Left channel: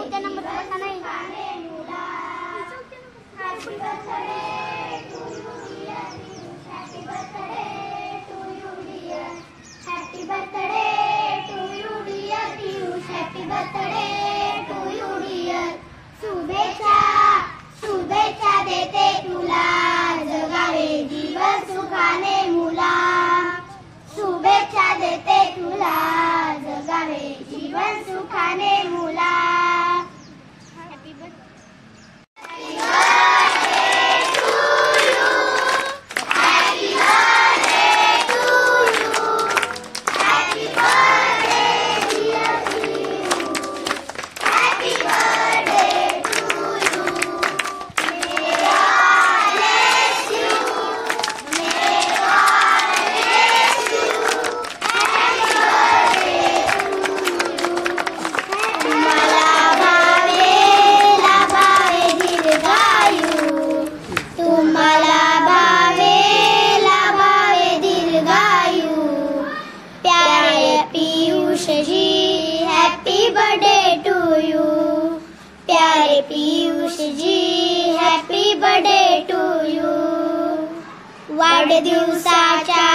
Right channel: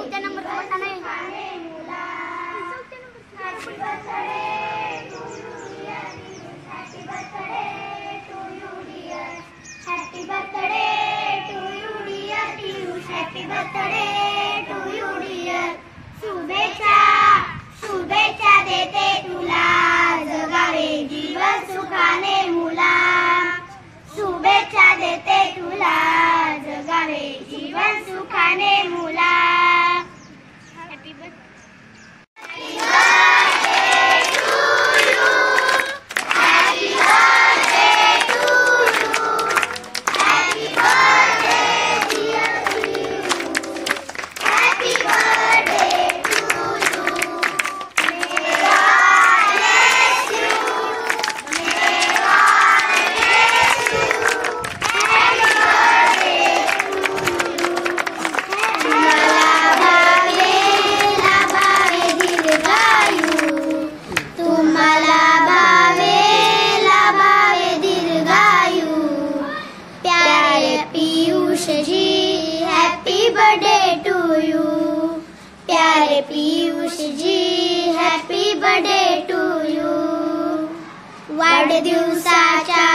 चौथ्या नंबरचा बटन आहे. शुभेच्छा देते तुला जगावे जीवन सुखाने मुला. शुभेच्छा देते तुला जगावे जीवन सुखाने मुला. Happy birthday to you. Happy birthday to you. Happy birthday dear you. Happy birthday to you. May God bless you. May God bless you. Happy birthday to you. तुम्हाला भावे लाभावे दीर्घायू. तुम्हाला भावे लाभावे दीर्घायू. प्यारे Piyush ji happy birthday to you. प्यारे Piyush ji happy birthday to you. वाढदिवसाच्या